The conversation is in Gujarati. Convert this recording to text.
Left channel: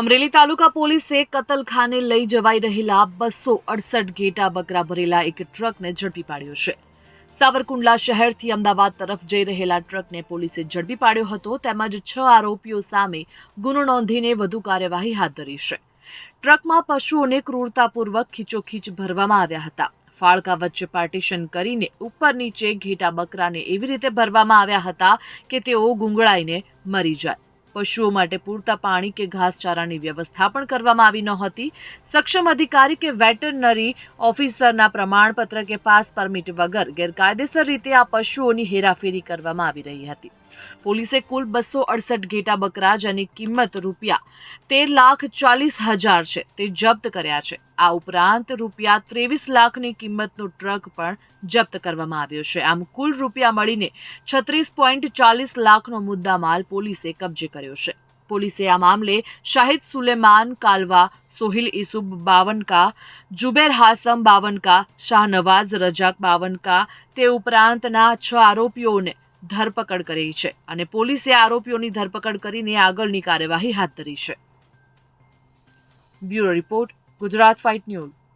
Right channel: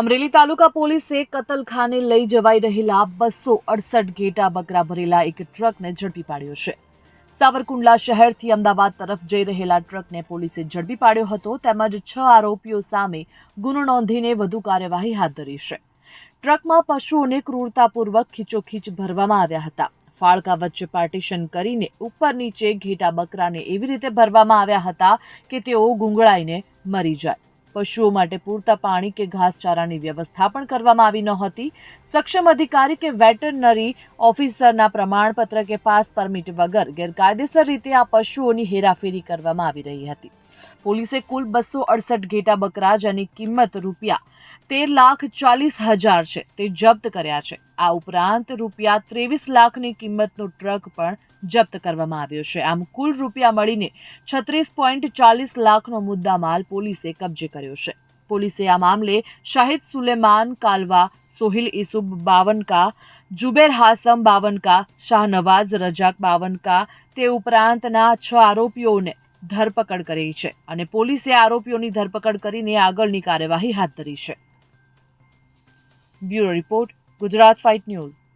અમરેલી તાલુકા પોલીસે કતલખાને લઈ જવાઈ રહેલા બસો અડસઠ ઘેટા બકરા ભરેલા એક ટ્રકને ઝડપી પાડ્યો છે. સાવરકુંડલા શહેરથી અમદાવાદ તરફ જઈ રહેલા ટ્રકને પોલીસે ઝડપી પાડ્યો હતો, તેમજ છ આરોપીઓ સામે ગુનો નોંધીને વધુ કાર્યવાહી હાથ ધરી છે. ટ્રકમાં પશુઓને ક્રૂરતાપૂર્વક ખીચોખીચ ભરવામાં આવ્યા હતા. ફાળકા વચ્ચે પાર્ટીશન કરીને ઉપર નીચે ઘેટા બકરાને એવી રીતે ભરવામાં આવ્યા હતા કે તેઓ ગુંગળાઈને મરી જાય. પશુઓ માટે પૂરતા પાણી કે ઘાસચારાની વ્યવસ્થા પણ કરવામાં આવી નહોતી. સક્ષમ અધિકારી કે વેટરનરી ઓફિસરના પ્રમાણપત્ર કે પાસ પરમિટ વગર ગેરકાયદેસર રીતે આ પશુઓની હેરાફેરી કરવામાં આવી રહી હતી. પોલીસે કુલ બસો અડસઠ ઘેટા બકરા જેની કિંમત રૂપિયા તેર લાખ ચાલીસ હજાર છે તે જપ્ત કર્યા છે. આ ઉપરાંત રૂપિયા ત્રેવીસ લાખની કિંમતનો ટ્રક પણ જપ્ત કરવામાં આવ્યો છે. આમ કુલ રૂપિયા મળીને છત્રીસ પોઈન્ટ ચાલીસ લાખનો મુદ્દામાલ પોલીસે કબજે કર્યો છે. પોલીસે આ મામલે શાહિદ સુલેમાન, કાલવા, સોહિલ ઇસુબ બાવનકા, જુબેર હાસમ બાવનકા, શાહનવાઝ રજાક બાવનકા તે ઉપરાંતના છ આરોપીઓને ધરપકડ કરી છે અને પોલીસે આરોપીઓની ધરપકડ કરીને આગળની કાર્યવાહી હાથ ધરી છે. Bureau report, Gujarat fight news.